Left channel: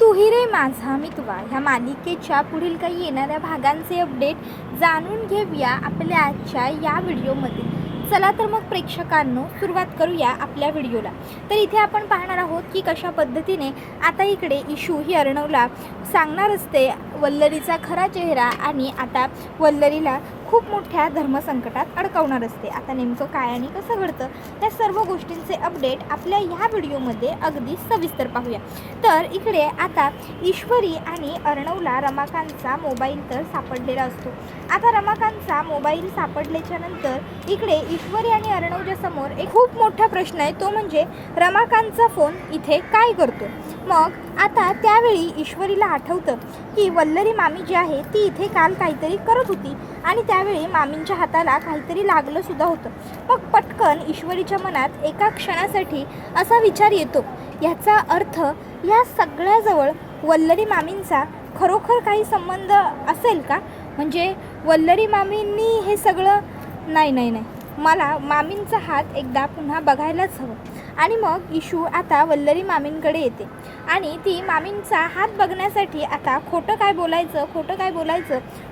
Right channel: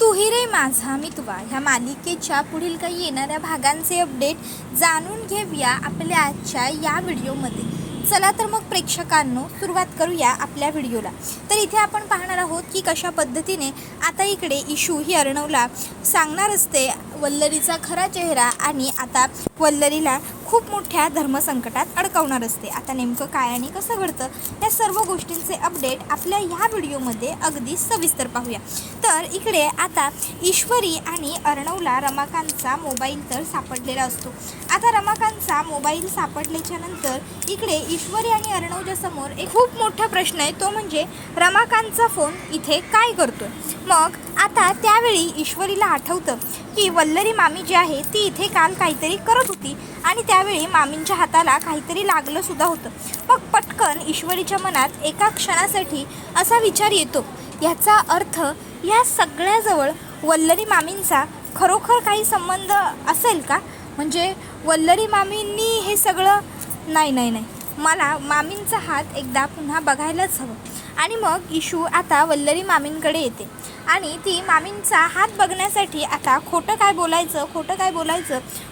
तू ही रे माझा मितवा ह्या मालिकेच्या पुढील काही येणाऱ्या भागांचे अपडेट जाणून घेऊया आपल्या आजच्या या व्हिडिओमध्ये. चला तर मग प्रेक्षकांनो सुरुवात करूया आपल्या व्हिडिओला. तर इथे आपण पाहणार आहोत की कशा पद्धतीने आता इकडे इशू ही अर्णवला सांगणार असते वल्लरीचा खरा चेहरा आणि आता वल्लरीला खूप मोठ्या धर्मसंकटात अडकवणार असते. आता नेमकं काय आणि कसं घडतं त्या सर्व गोष्टींचे अपडेट आपल्या ह्या व्हिडिओमध्ये अगदी सविस्तर पाहूया. तर इकडे आता ईश्वरी आणि अर्णवला रमाकांतचा मोबाईल तर सापडलेला असतो. आता रमाकांतचा मोबाईल सापडल्याच्या नंतर इकडे ईश्वरी आणि अर्णवच्या समोर एक खूप मोठा प्रश्न आहे, तो म्हणजे रमाकांतचा फोन इथे काय करतो. मग आता त्यावेळी ईश्वरीला आठवतं की वल्लरी मामी जी आहे ती इथे काल काहीतरी करत होती आणि त्यावेळी मामींच्या हाताला काहीतरी लागलं सुद्धा होतं. मग पटकन ईश्वरीच्या मनात एका क्षणासाठी असा विचार येतो, ह्याचा अर्थ या सगळ्याजवळ वल्लरी मामींचा खरोखर काही संबंध असेल का? म्हणजे वल्लरी मामींनी हे सगळं नाही मला मामींचा हात एकदा पुन्हा बघायलाच हवं. आणि मग इशू आता वल्लरी मामींकडे येते आणि ती मामींचा हात बघण्यासाठी आता खोटं काय बोलायचं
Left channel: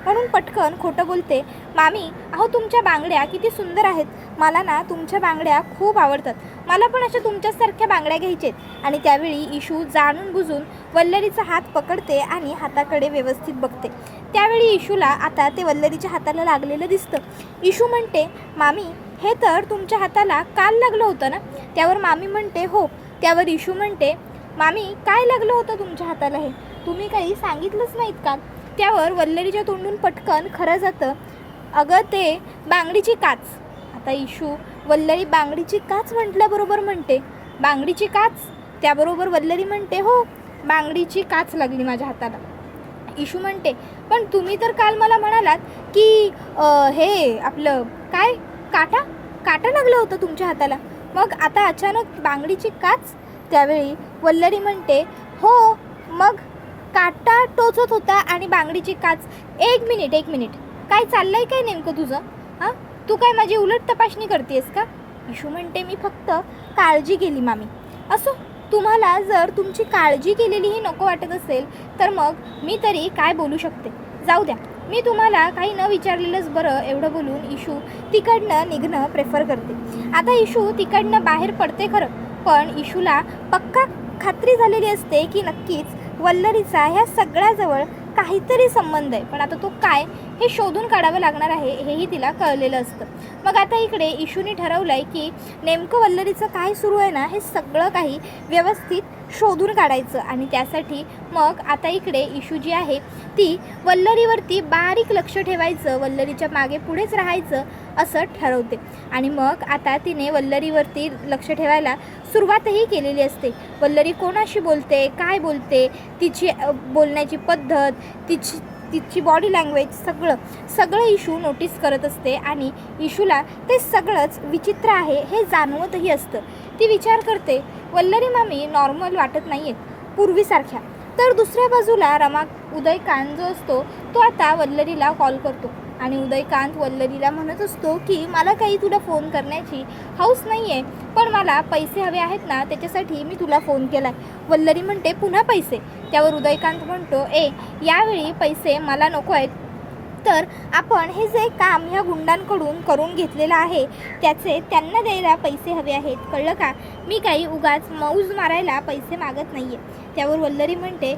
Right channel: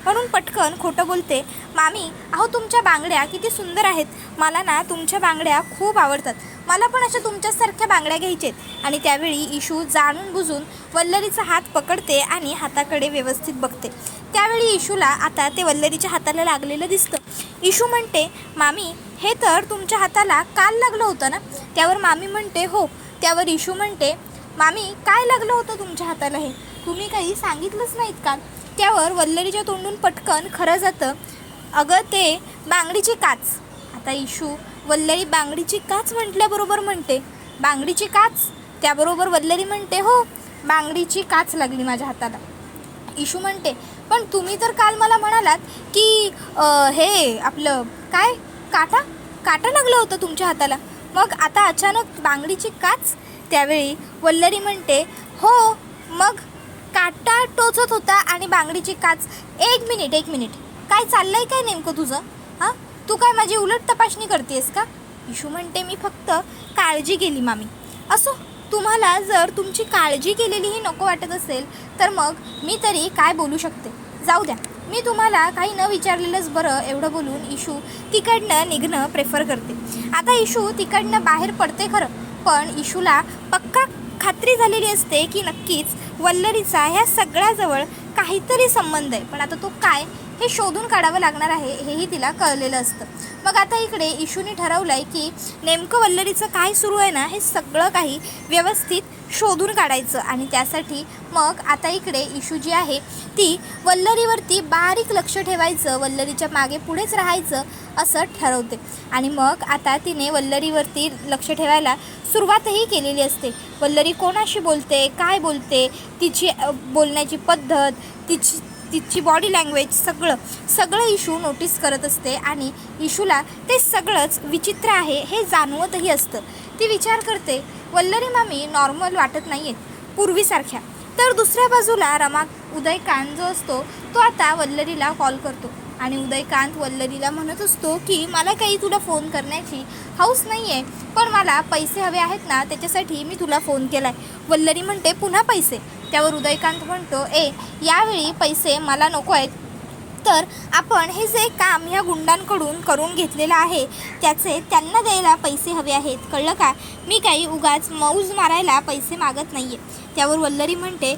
म्हणून पटकन खोटं बोलते. मामी, अहो तुमच्या बांगड्या किती सुंदर आहेत, मला ना तुमच्या बांगड्या खूप आवडतात, मला पण अशा तुमच्यासारख्या बांगड्या घ्यायच्यात. आणि त्यावेळी इशू जाणून बुजून वल्लरीचा हात पकडते आणि हाताकडे व्यवस्थित बघते. त्यावेळी इशूला आता ते वल्लरीच्या हाताला लागलेलं दिसतं. इशू म्हणते, मामी हे तर तुमच्या हाताला काल लागलं होतं ना? त्यावर मामी म्हणते हो. त्यावर इशू म्हणते, मामी काय लागलं होतं तुमच्या हाताला, हे तुम्ही काही सांगितलंच नाहीत का? त्यावर वल्लरीच्या तोंडून पटकन खरं जातं, अगं ते बांगडीची काच. आता इशू वल्लरी बांगडीची काच म्हटल्याबरोबर म्हणते, बांगडीची काच? त्याबरोबर वल्लरी म्हणते हो, बांगडीची काच लागली माझ्या हाताला. इशू म्हणते, पण तुम्ही तर काल मला म्हणालात की हे आपलं काय काटा लागलं होतं तुमच्या हाताला, मग आता अचानक बांगडीची काच? त्यावेळी वल्लरी म्हणते, हो मग काटा टोचत होता आणि बांगडीची काच. एक मिनिट काय चाललंय काय नेमकं तुझं? हां, तू काय माझी उलट तपासणी करतेस का? इशू म्हणते, मी फक्त काळजी केली मामी. असो, तुम्हाला जर तुमची काळजी केलेलीही नको वाटत असेल तर मग मी तरी काय बोलू शकते, जाऊ द्या, मी तुम्हाला काही न विचारलेलंच बरं. एवढं बोलून इशू तिकडनं निघणं प्रेफर करते. आता इशू तिकडनं बाहेर पडते खरं, पण इशूला पक्का खात्री झालेली असते की नक्कीच वल्लरीचा ह्या सगळ्याजवळ काहीतरी संबंध आहे, पण आता तो काय हे शोधून काढावं लागणार आहे हेही तिला कळलेलं असतं. मग आता इकडे इशूने ठरवलं आहे की नेमकं वल्लरीचं काय सुरू आहे ना हे सगळं काही व्यवस्थित शोधून काढायचं. आणि त्यासाठी मग आता इकडे इशू जी आहे ती वल्लरीवरती बारीक लक्ष ठेवायचं, वल्लरीच्या मागे पुढेच राहायचं असं ठरवते. आणि मग आता तिने वल्लरीवरती लक्ष ठेवायला सुरुवातही केलेली असते. वल्लरी कोणाशी बोलते, काय बोलते, तिची बोलण्याची पद्धत, तिची बॉडी लँग्वेज सगळं इशू नोटीस करत असते. आणि इशूला ते सगळंच विचित्र आहे हे जाणवतही असतं. ती विचार करते, वल्लरी मामी नॉर्मल वाटत नाही आहेत पूर्वीसारख्या. तर दुसऱ्या बाजूला उदयकांत जो असतो तो आता वल्लरीला कॉल करतो आणि उदयकांत वल्लरीला म्हणत असतो की मला काही तुला फोन करण्याची हौस नाही आहे, पण मला पैसे हवे आहेत ना, त्याच्यासाठी मी तुला फोन केला आहे. वल्लरी म्हणते, पुन्हा पैसे? त्यावर उदयकांत म्हणतो, यावेळी पैसे मला नको आहेत, तर आपण हे जे काम ह्या गुंडांकडून करून घेतलेलं आहे त्याचे त्यांना द्यायला पैसे हवे आहेत, कळलं का? मी काही उगाच मौज मारायला पैसे मागत नाही आहे. त्यावर वल्लरी म्हणते,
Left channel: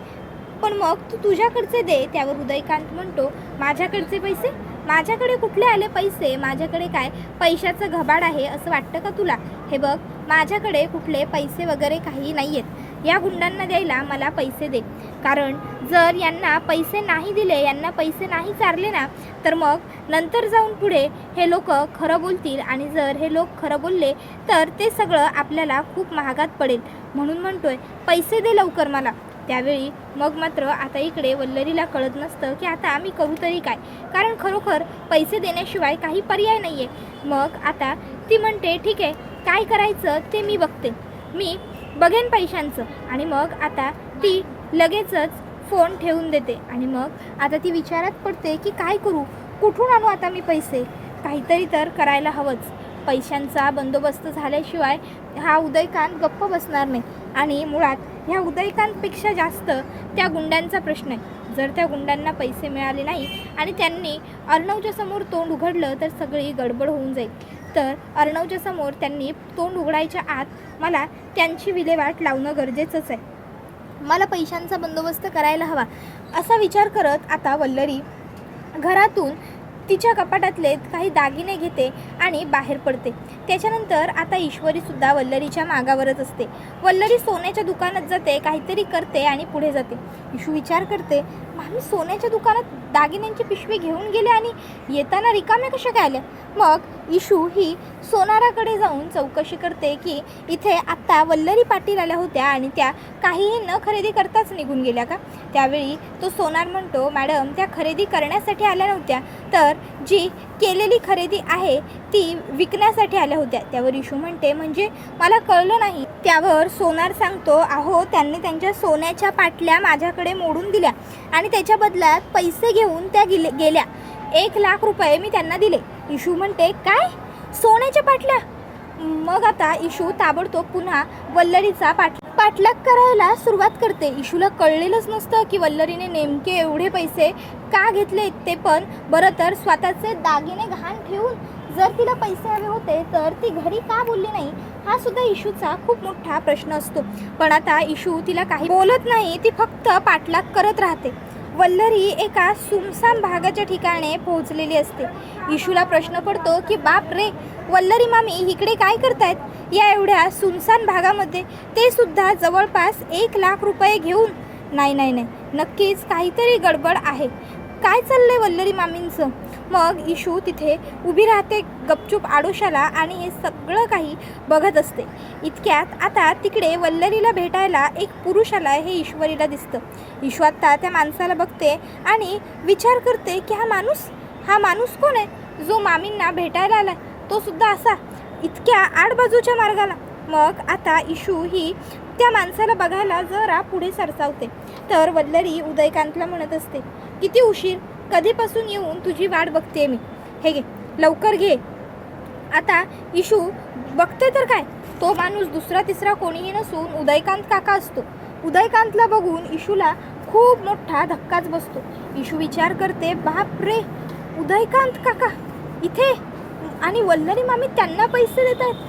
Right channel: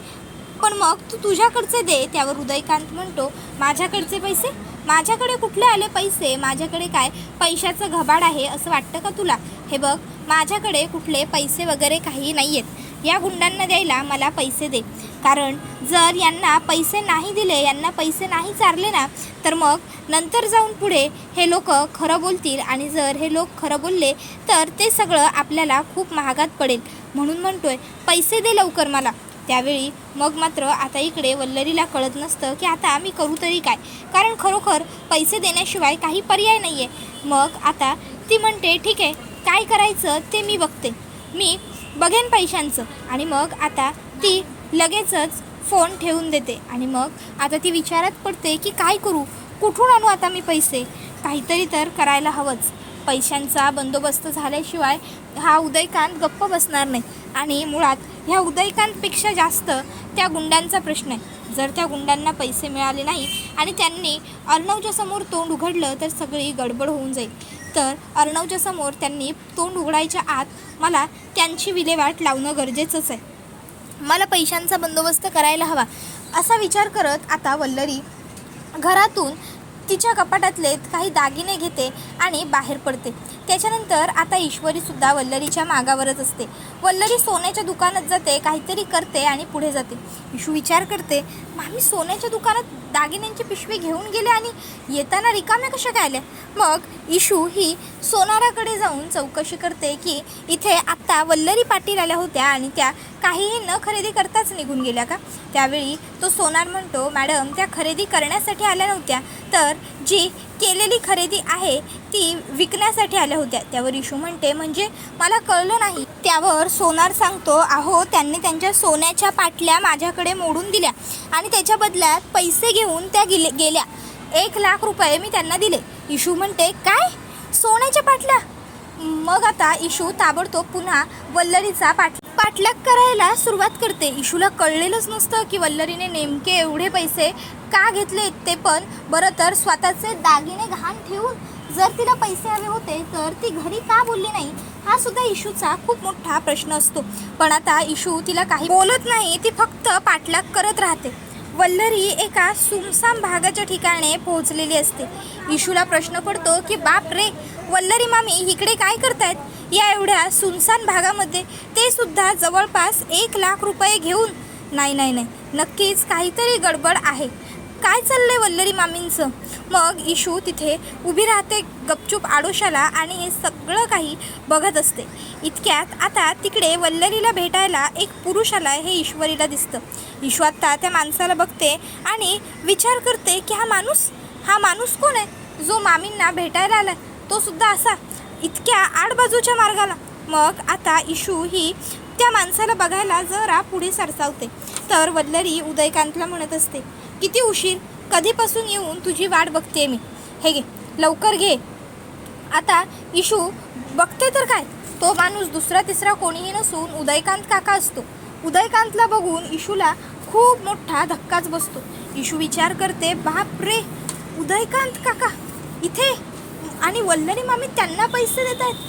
पण मग तू तुझ्याकडचे दे. त्यावर उदयकांत म्हणतो, माझ्याकडचे पैसे? माझ्याकडे कुठले आले पैसे? माझ्याकडे काय पैशाचं घबाड आहे असं वाटतं का तुला? हे बघ, माझ्याकडे कुठले पैसे वगैरे काही नाही आहेत, या गुंडांना द्यायला मला पैसे दे. कारण जर यांना पैसे नाही दिले, यांना पैसे नाही चारले ना, तर मग नंतर जाऊन पुढे हे लोक खरं बोलतील आणि जर हे लोक खरं बोलले तर ते सगळं आपल्याला खूप महागात पडेल. म्हणून म्हणतोय, पैसे दे लवकर मला. त्यावेळी मग मात्र आता इकडे वल्लरीला कळत नसतं की आता आम्ही करू तरी काय, कारण खरोखर पैसे देण्याशिवाय काही पर्याय नाही आहे. मग आता ती म्हणते, ठीक आहे, काय करायचं ते मी बघते, मी बघेन पैशांचं. आणि मग आता ती लगेचच फोन ठेवून देते. आणि मग आता ती विचारात पडते की काय करू, कुठून आणू आता मी पैसे? काहीतरी तर करायला हवंच. पैशांचा बंदोबस्त झाल्याशिवाय हा उदयकांत गप्प बसणार नाही. आणि मुळात ह्या उदयकांतपेक्षा जास्त त्या गुंडांचा प्रश्न आहे. जर त्या गुंडांना पैसे मिळाले नाही आणि त्यांनी अर्णवच्या समोर तोंड उघडलं तर सगळी गडबड होऊन जाईल. तर अर्णवच्या समोर त्यांनी तोंड उघडायच्या आत मला त्यांची विल्हेवाट लावणं गरजेचंच आहे. मला पैशांचा बंदोबस्त करायला हवा असा विचार करत आता वल्लरी घरातून तिच्या कपाटातले काही दागिने घेते आणि बाहेर पडते. त्याच्यानंतर आता ईश्वरीसुद्धा वल्लरीच्या मागावरच असते. वल्लरी सोन्याच्या दुकानात जाते, काहीतरी करते आणि पुढे जाते. ईशू विचार करते, मामी सोन्याच्या दुकानात दागिन्यांची पिशवी घेऊन गेले आणि येताना रिकाम्या कशा काय आल्या. मग ईशू ही सोनाराकडे जाऊन चौकशी करते की इथे आत्ता वल्लरी पाटील आल्या होत्या आणि त्या काहीही न खरेदी करताच निघून गेल्या का. त्यावेळी तो सोनार म्हणतो, मॅडम त्या खरेदी करण्यासाठी आल्या नव्हत्या, तर जी केलेली खरेदी आहे ती विकण्यासाठी आल्या होत्या. त्यावर ईशू म्हणते, म्हणजे मला कळलं नाही. त्यावर सोनार सांगतो, अहो त्यांनी त्यांच्या सोन्याच्या पाटल्या माझ्याकडे मोडून दिल्या आणि त्याच्या बदल्यात पैसे घेऊन त्या गेल्या. 1,00,000 रुपये मी त्यांना दिले. ईशू म्हणते, काय सोन्याच्या पाटल्या. मग आता ईशू ताबडतोब पुन्हा वल्लरीचा पाठलाग करायला सुरुवात करते. ईशूला कळलेलंच नसतं की वल्लरीने नेमके एवढे पैसे का घेतले ते. पण बरं तर स्वतःचे दागिने घाण ठेवून जर तिला पैसे आले होते तर ती घरी का बोलली नाही, हा सुद्धा ईशूचा खूप मोठा प्रश्न असतो. पण आता ईशू तिला काही बोलत नाही, ती फक्त पाठलाग करत राहते. वल्लरी एका सुमसाम भागाच्या ठिकाणी पोहोचलेली असते. ईशूला प्रश्न पडतो की बाप रे, वल्लरी मामी इकडे काय करतायत या एवढ्या सुनसान भागामध्ये, ते सुद्धा जवळपास 1,00,000 रुपये घेऊन. नाही, नक्कीच काहीतरी गडबड आहे. काय चाललंय वल्लरी मामींचं. मग ईशू तिथे उभी राहते गपचूप आडोशाला आणि हे सगळं काही बघत असते. इतक्यात आता तिकडे वल्लरीला भेटायला एक पुरुष आला हे ईश्वरीला दिसतं. ईशू आता त्या माणसाला बघते आणि विचार करते की हा माणूस कोण आहे जो मामींना भेटायला आला, तो सुद्धा असा इतक्या आडबाजूच्या मार्गाला. मग आता ईशू ही त्या माणसाला बघायला जरा पुढे सरसावते. तर वल्लरी उदयकांतला म्हणत असते, किती उशीर, कधीपासून येऊन तुझी वाट बघते मी, हे घे लवकर घे. आता ईशू बघते तर काय, तो माणूस दुसरा तिसरा कोणीही नसून उदयकांत काका असतो. उदयकांतला बघून ईशूला खूप मोठा धक्काच बसतो. ईशू विचार करते, बाप रे, उदयकांत काका इथे आणि वल्लरी मामी त्यांना पैसे देत आहेत.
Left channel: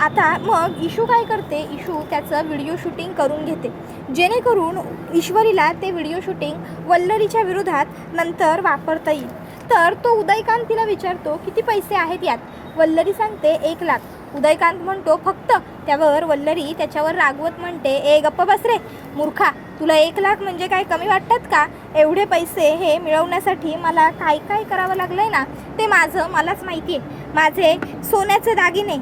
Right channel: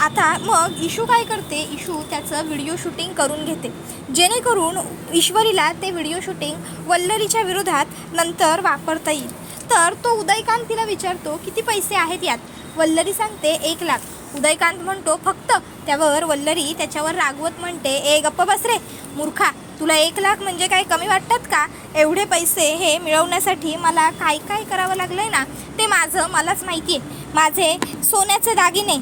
आता मग ईशू काय करते, ईशू त्याचं व्हिडिओ शूटिंग करून घेते जेणेकरून ईश्वरीला ते व्हिडिओ शूटिंग वल्लरीच्या विरोधात नंतर वापरता येईल. तर तो उदयकांत तिला विचारतो, किती पैसे आहेत यात. वल्लरी सांगते 1,00,000. उदयकांत म्हणतो फक्त. त्यावर वल्लरी त्याच्यावर रागवत म्हणते, ए गप्प बस रे मूर्खा, तुला 1,00,000 म्हणजे काय कमी वाटतात का. एवढे पैसे हे मिळवण्यासाठी मला काय काय करावं लागलं ना ते मलाच माहिती आहे. माझे सोन्याचे दागिने,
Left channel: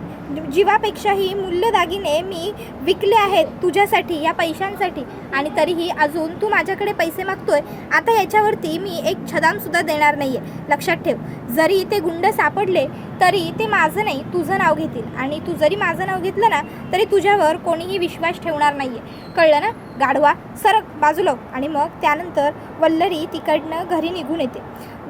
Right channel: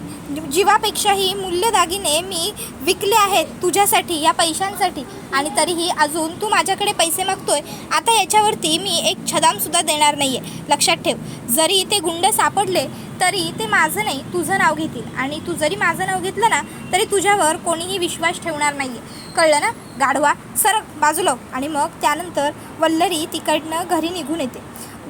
जीवापेक्षाही मूल्य दागिने मी विकले आहेत तुझ्यासाठी, या पैशांसाठी, आणि तरीही अजून तू माझ्याकडे पैसे मागतोय. आता याच्यावरती मी एक छदामसुद्धा देणार नाही आहे. लक्षात ठेव, जरी ते गुंड सापडले तरी ते माझं नाही तुझं नाव घेतील, आणि तू जरी माझं नाव घेतलं ना तरी तुझ्यावर कोणीही विश्वास ठेवणार नाही आहे. कळलं ना गाढवा, सरक बाजूला. आणि मग त्यानंतर वल्लरी तिकडनं घरी निघून येते.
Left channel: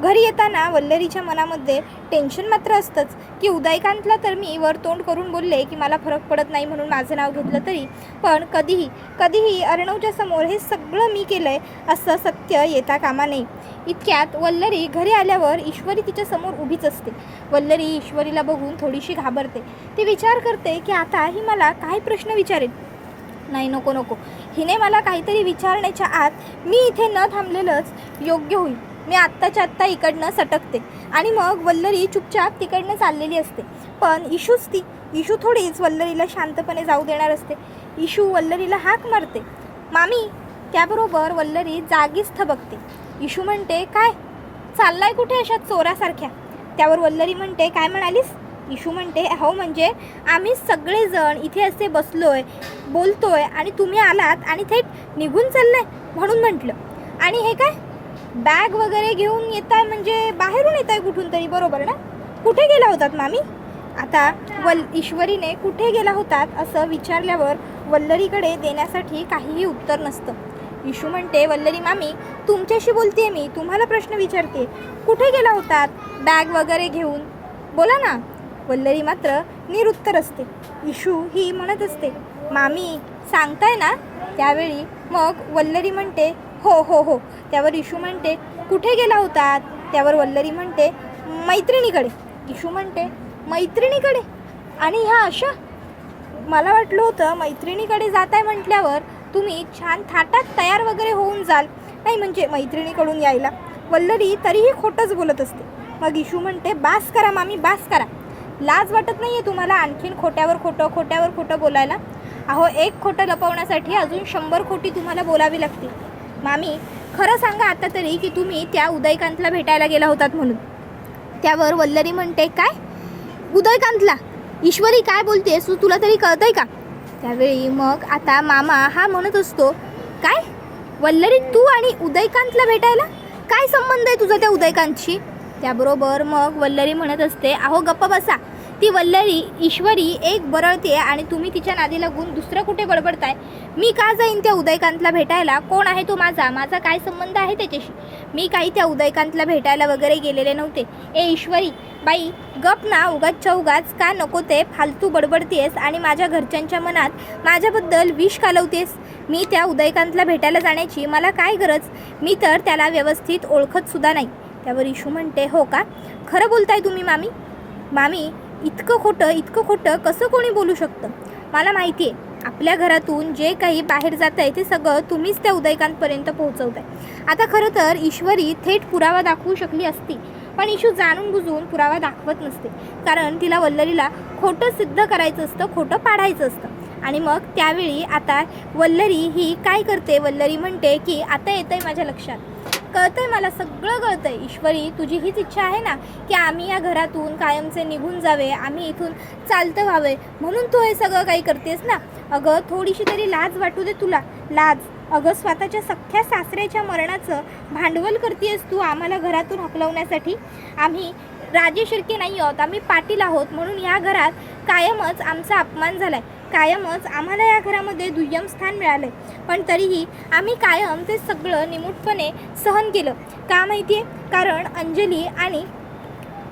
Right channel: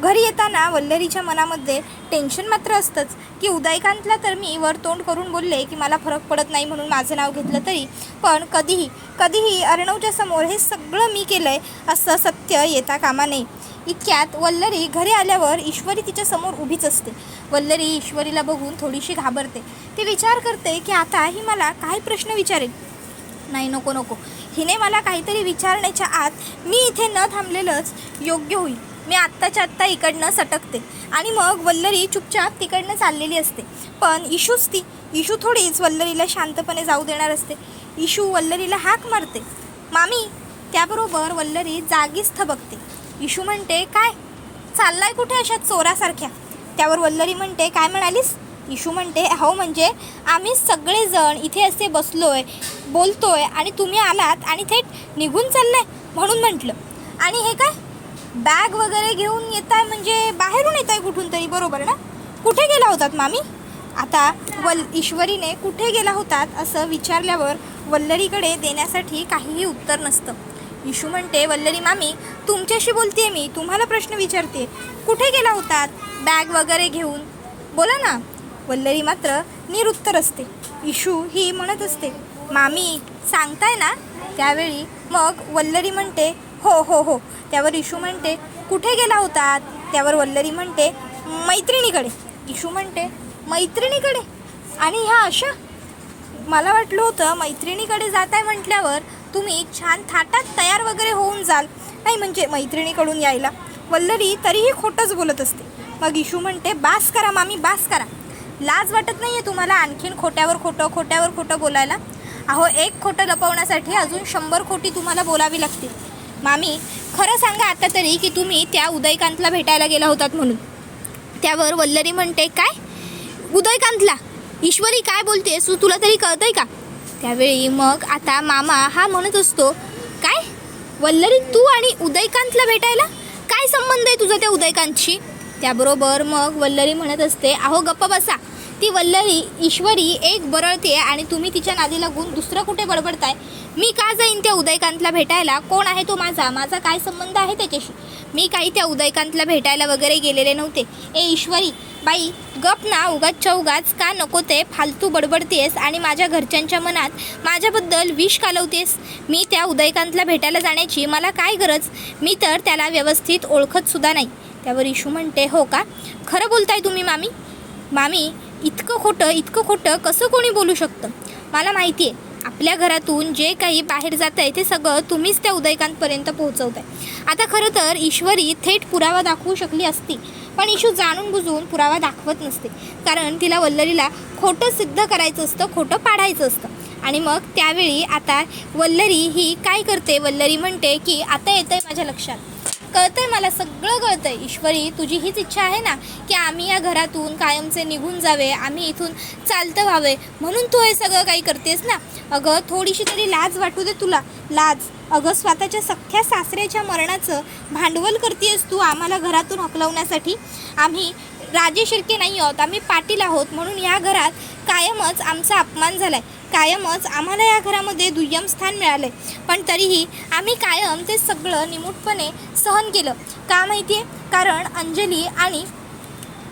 घरी येताना वल्लरीच्या मनामध्ये टेन्शन मात्र असतंच की उदयकांतला तर मी वर तोंड करून बोलले की मला फरक पडत नाही म्हणून माझं नाव घेतलं तरी, पण कधीही अर्णवच्या समोर हे सगळं मी केलं आहे असं सत्य येता कामा नये. इतक्यात वल्लरी घरी आल्यावर ईश्वरी तिच्या समोर उभीच असते. वल्लरी ईश्वरीला बघून थोडीशी घाबरते. ती विचार करते की आता ही मला काय प्रश्न विचारेल. नाही, नको, हिने मला काहीतरी विचारण्याच्या आत मी इथे न थांबलेलंच योग्य होईल. मी आत्ताच्या आत्ता इकडनं सटकते. आणि मग वल्लरी चुपचाप तिकडनं चाललेली असते. पण ईशू थोडीच वल्लरीला शांतपणे जाऊ देणार असते. ईशू वल्लरीला हाक मारते, मामी. त्याबरोबर वल्लरी जागीच थबकते. ईशू म्हणते, काय चाललाय कुठे अशा चोरासारख्या. त्यावर वल्लरी म्हणते, काय म्हणालीस. ईशू म्हणते, हो म्हणजे आम्ही सगळेजण इथे असे बसलोय बोलतोय आणि तुम्ही आलात आणि थेट निघून चाललाय म्हणून म्हटलं. आणि हे काय बॅग वगैरे घेऊन येत आहे, म्हणजे बाहेरून येत आहे कुठून तरी, बरोबर ना. कुठे गेला होतात मामी. आता ईश्वरीने कुठे गेला होतात असं विचारल्यावर वल्लरीकडे देण्यासाठी काहीही उत्तर नसतं. ईशू म्हणते, वल्लरी मामी तुमच्याशी बोलते मी, तुम्हाला प्रश्न विचारते. कुठे गेला होतात बॅग वगैरे घेऊन, बोला ना. वल्लरी मात्र निरुत्तर असते. ईशू ही म्हणत असते, मामी सांगताय ना? त्यावेळी मग वल्लरी म्हणते हो हो हो. त्यावर इशू म्हणते कुठे गेला होतात? त्यावर वल्लरी म्हणते मैत्रिणीकडे. इशू म्हणते मैत्रिणीकडे? आणि ह्या अशा? मला वाटलं होतं मैत्रिणीकडे जात आहे म्हटल्यावर तुम्ही छान थाटात तयार वगैरे होऊन जाल, नाही म्हणजे मैत्रिणीकडून यायला. वल्लरी तरीही खोटंच बोलत असते. मग इशू म्हणते बास करा मामी, बास करा. लाज वाटत नाही आहे तुम्हाला आणखीन खोट्यावर खोटं बोलायला? अहो, एक खोटं लपवण्यासाठी अजून 100 खोटी तुम्हाला बोलावी लागतील. मामी खरं सांगा आता तरी की तुम्ही त्या उदयकांतला भेटायला गेला होतात म्हणून. त्यावर वल्लरी म्हणते काय उदयकांतला? ईश्वरी काय बोलतेस तू, तुला तरी कळतंय का? त्यावेळी मग आता मामा हा म्हणत असतो काय वल्लरी तू आणि उदयकांतला भेटायला? काय संबंध आहे तुझा त्या उदयकांतशी? त्याबरोबर मग वल्लरी म्हणत असते अहो गप्प बसा. ती वल्लरी ईश्वरी एक बरळते आणि तुम्ही तिच्या नादी लागून दुसरं कुठे बडबडताय? मी का जाईन त्या उदयकांतला भेटायला? कोण आहे तो माझा काय संबंध आहे त्याच्याशी? मी काही त्या उदयकांतला भेटायला वगैरे गेलेले नव्हते. ए ईश्वरी बाई गप ना, उगाच का नको ते फालतू बडबडतेस आणि माझ्या घरच्यांच्या मनात माझ्याबद्दल विष कालवतेस. मी त्या उदयकांतला भेटायला जाण्याची मला काय गरज? मी तर त्याला व्यवस्थित ओळखतसुद्धा नाही. त्यावर इशू म्हणते हो का? खरं बोलताय तुम्ही मामी? मामी इतकं खोटं कसं कोणी बोलू शकतं? मला माहिती आहे आपल्या घरातून जे काही बाहेर जात आहे ते सगळं तुम्हीच त्या उदयकांतपर्यंत पोहोचवताय. आता खरं तर ईश्वरी थेट पुरावा दाखवू शकली असती, पण इशू जाणून बुजून पुरावा दाखवत नसते, कारण तिला वल्लरीला खोटं सिद्ध करायचं असतं, खोटं पाडायचं असतं. आणि मग त्यावेळी आता वल्लरी ही काय करते? वल्लरी म्हणते की आता येतंय माझ्या लक्षात, कळतंय मला, सगळं कळतंय. ईश्वरी तुझी हीच इच्छा आहे ना की आम्ही या घरातून कायमचे निघून जावे, आम्ही इथून चालतं व्हावे, म्हणून तू हे सगळं काही करतेस ना? अगं थोडीशी तरी लाज वाटू दे तुला. लाज? अगं स्वतःच्या सख्ख्या सासऱ्याच्या मरणाचं भांडवल करतेस तू आम्हाला घरातून हकलवण्यासाठी. आम्ही राजे शिर्के नाही आहोत, आम्ही पाटील आहोत, म्हणून या घरात कायमच आमचा अपमान झाला आहे, कायमच आम्हाला या घरामध्ये दुय्यम स्थान मिळालं आहे. पण तरीही आम्ही कायम ते सगळं निमूटपणे सहन केलं. का माहिती आहे? कारण अंजली आणि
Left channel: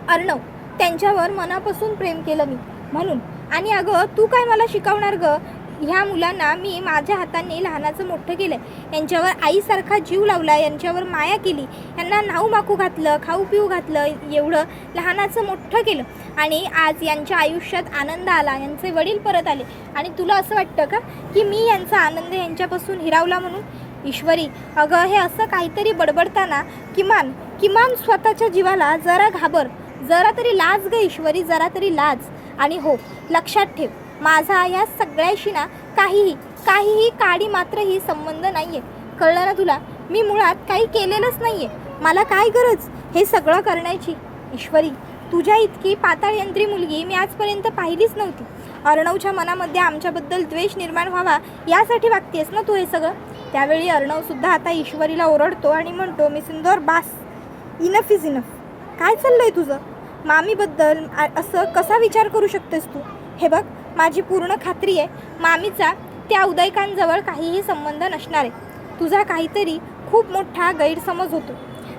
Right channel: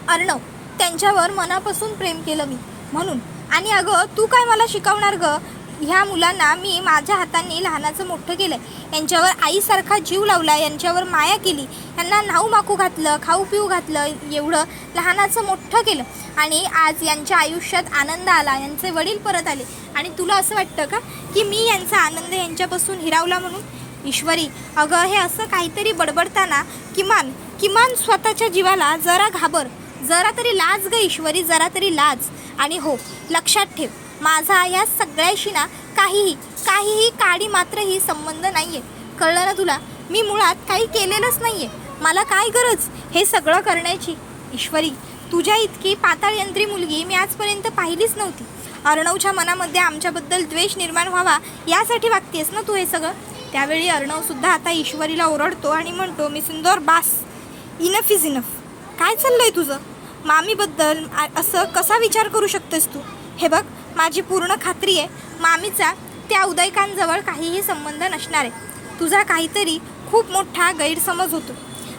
अर्णव त्यांच्यावर मनापासून प्रेम केलं मी, म्हणून. आणि अगं तू काय मला शिकवणार गं? ह्या मुलांना मी माझ्या हाताने लहानाचं मोठं केलं आहे, यांच्यावर आईसारखा जीव लावला, यांच्यावर माया केली, यांना न्हाऊ माकू घातलं, खाऊ पिऊ घातलं, एवढं लहानाचं मोठं केलं. आणि आज यांच्या आयुष्यात आनंद आला, यांचे वडील परत आले, आणि तुला असं वाटतं का की मी यांचा आनंद यांच्यापासून हिरावला म्हणून? ईश्वरी अगं हे असं काहीतरी बडबडताना किमान स्वतःच्या जीवाला जरा घाबर, जरा तरी लाज ग ईश्वरी, जरा तरी लाज. आणि हो लक्षात ठेव, माझा या सगळ्याशी ना काहीही काडी मात्रही संबंध नाही आहे, कळलं ना तुला? मी मुळात काही केलेलंच नाही आहे, मला काय गरज हे सगळं करण्याची? ईश्वरी तुझ्या इतकी पाताळयंत्री मुलगी मी आजपर्यंत पाहिलीच नव्हती. अर्णवच्या मनामध्ये आमच्याबद्दल द्वेष निर्माण व्हावा यासाठी वागतेस ना तू हे सगळं? त्यावेळी अर्णवसुद्धा आता ईश्वरीला ओरडतो आणि म्हणतो मिसिंदोर बास, इनफ इज इनफ. काय चाललं आहे तुझं? मामीबद्दल असं कसा विचार करू शकतेस तू? हे बघ माझी पूर्ण खात्री आहे मामीचा त्या उदयकांजवळ काहीही संबंध नसणार आहे. तुझा काहीतरी खूप मोठा गैरसमज होतो.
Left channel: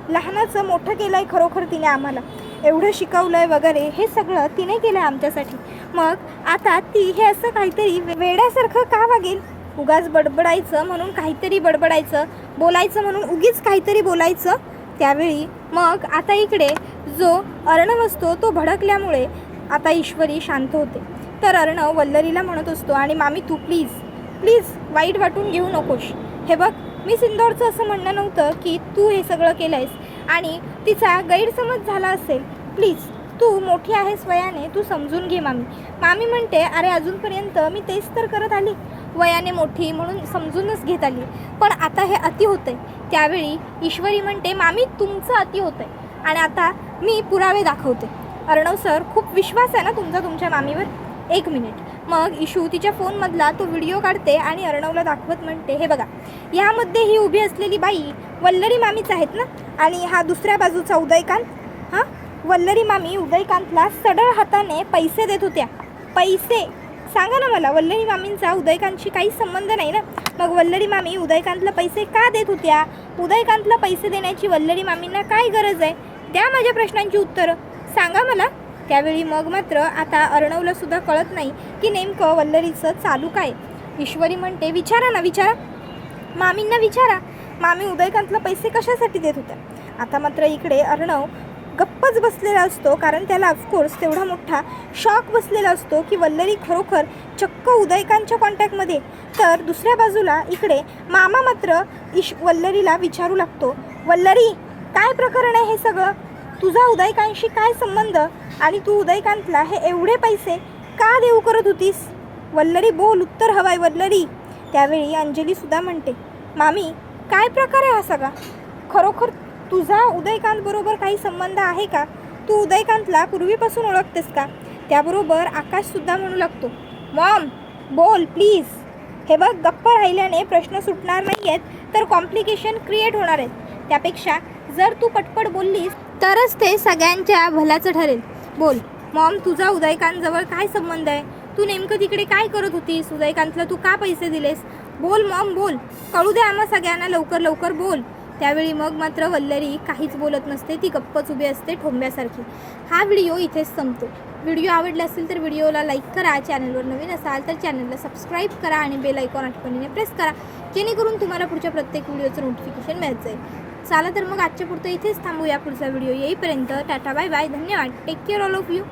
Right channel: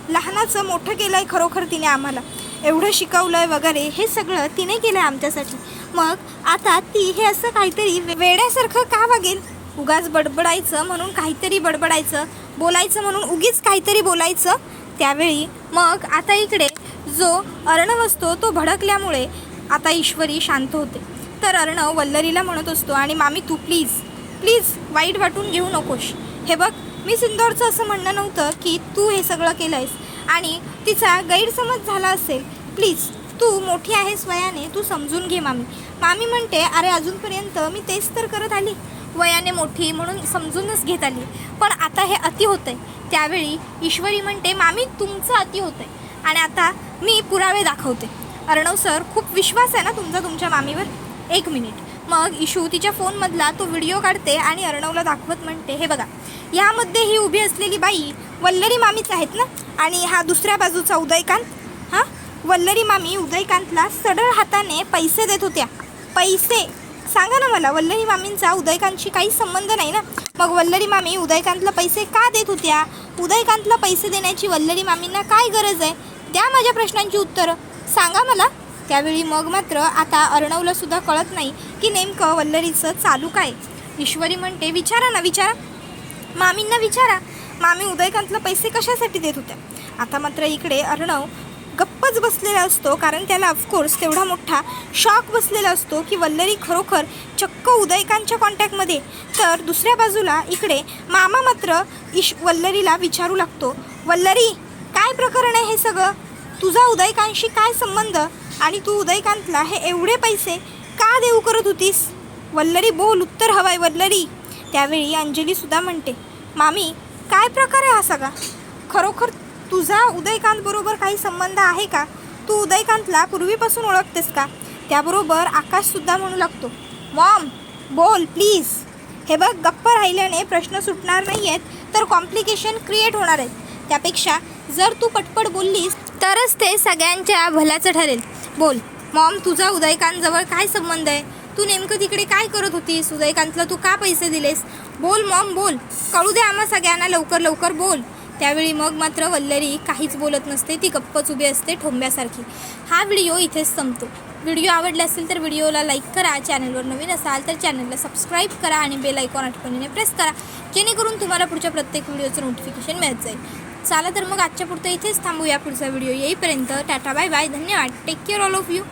लहानाचं मोठं केलं आहे खरोखर तिने आम्हाला, एवढं शिकवलं आहे वगैरे, हे सगळं तिने केलं आहे आमच्यासाठी. मग आता ती हे असं काहीतरी वेड्यासारखं का वागेल? उगाच बडबडायचं म्हणून काहीतरी बडबडायचं, बोलायचं म्हणून उगीच काहीतरी बोलायचं. त्यावेळी मग आता इकडे जो अर्णव असतो तो भडकल्यामुळे आता ईश्वरी शांत होते. तर अर्णव वल्लरीला म्हणत असतो आणि मामी तू प्लीज वाईट वाटून घेऊ नकोस. हे बघ मी सिंदूरचं असं म्हणणं नव्हतं की तू हे सगळं केलं आहेस आणि तिचा गैरसमज झाला असेल. प्लीज तू मोठी आहेस वयाने, तू समजून घे मामी. मामी म्हणते अरे अजूनपर्यंत मी तेच तर करत आली, वयाने मोठी म्हणून समजूनच घेत आली, पण आता हे अति होतं आहे. त्यावेळी ईश्वरी म्हणते मामी तुमचं अति होतं आहे आणि आता मी पुरावे दाखवते. अर्णव सर खूप विश्वास आहे ना तुमचा तुमच्या मामीवर? 1 मिनिट. मग इशू तिच्या फोनमधला तो व्हिडिओ काढते आणि अर्णवला दाखवत म्हणते हे बघा, यामध्ये ही उभी असलेली बाई वल्लरी मामीच आहेत ना, आणि हा दुसऱ्या बाजूचा उदयकांत, हां वल्लरी मामी उदयकांतला सडळ हाताने पैसे देत होत्या. पैसे? सांगा ना मला, वल्लरी मामींचा उदयकांतशी काही संबंध नाही ना, मग वल्लरी मामी उदयकांतला पैसे का देत होत्या? उदयकांतला पैसे देण्याची वल्लरी मामींना काय गरज आहे? द्या माझ्या प्रश्नांची उत्तरं, सांगा मला. त्यावेळी मग मात्र आता अर्णवला सुद्धा कळत नाही की नेमकं वल्लरीचं चालू काय. ईश्वरी म्हणते, विचारा ना, विचारा. मामींना विचारा. मामी उदयकांतला पैसे कशासाठी देत होत्या. आता मात्र इकडे अर्णव गप्पच बसलेला असतो, कारण त्याला ऑफकोर्स तेवढा मोठा शॉक बसलेला असतो की वल्लरी खरोखर चक्क उदयकांच्या कॉन्टॅक्टमध्ये. तर दुसऱ्या बाजूला इकडे मामा मात्र वल्लरीला विचारू लागतो, वल्लरी काय प्रकरण आहे हे सगळं? तुझा उदयकांशी काय संबंध? आणि तू उदयकांतला हे एवढे पैसे का देऊ करत होतीस? वल्लरी बोल, उत्तर हवाय वल्लरी. त्यावेळी अंजलीसुद्धा म्हणते, मामी काय प्रकार आहे हा सगळा? खरोखर तुझा उदयकांत बरोबर काही संबंध आहे का? तू उदयकांतला पूर्वीपासून ओळखतेस का? त्याबरोबर आकाशसुद्धा म्हणू लागतो, मॉम बोल प्लीज. हे बघ, गप्प राहिल्याने प्रश्न सुटणार नाही आहेत तर कॉम्प्लिकेशन क्रिएट होणार आहेत. त्यापेक्षा जर तू पटपट बोललीस तरच ते सगळ्यांच्या भल्याचं ठरेल. बोल मॉम, तुझा उदयकांतजवळ काय संबंध आहे? तू नेमकं तिकडे काय करत होतीस? उदयकांतला तू का पैसे दिलेस? बोल मॉम बोल, कळू दे आम्हा सगळ्यांना, लवकर लवकर बोल. त्यावेळी मग मात्र वल्लरी काहीच बोलत नसते, ती गप्पच उभी असते ठोंब्यासारखी. हा व्हिडिओ इथेच संपतो. व्हिडिओ आवडला असेल तर व्हिडिओला लाईक करा, चॅनलवर नवीन असाल तर चॅनलला सबस्क्राईब करा आणि बेल आयकॉन आठवणीने प्रेस करा, जेणेकरून तुम्हाला पुढच्या प्रत्येक व्हिडिओचं नोटिफिकेशन मिळत जाईल. चला तर मग आजच्या पुरतं इथेच थांबूया. पुढचा व्हिडिओ येईपर्यंत टाटा बाय बाय, धन्यवाद, take care all of you.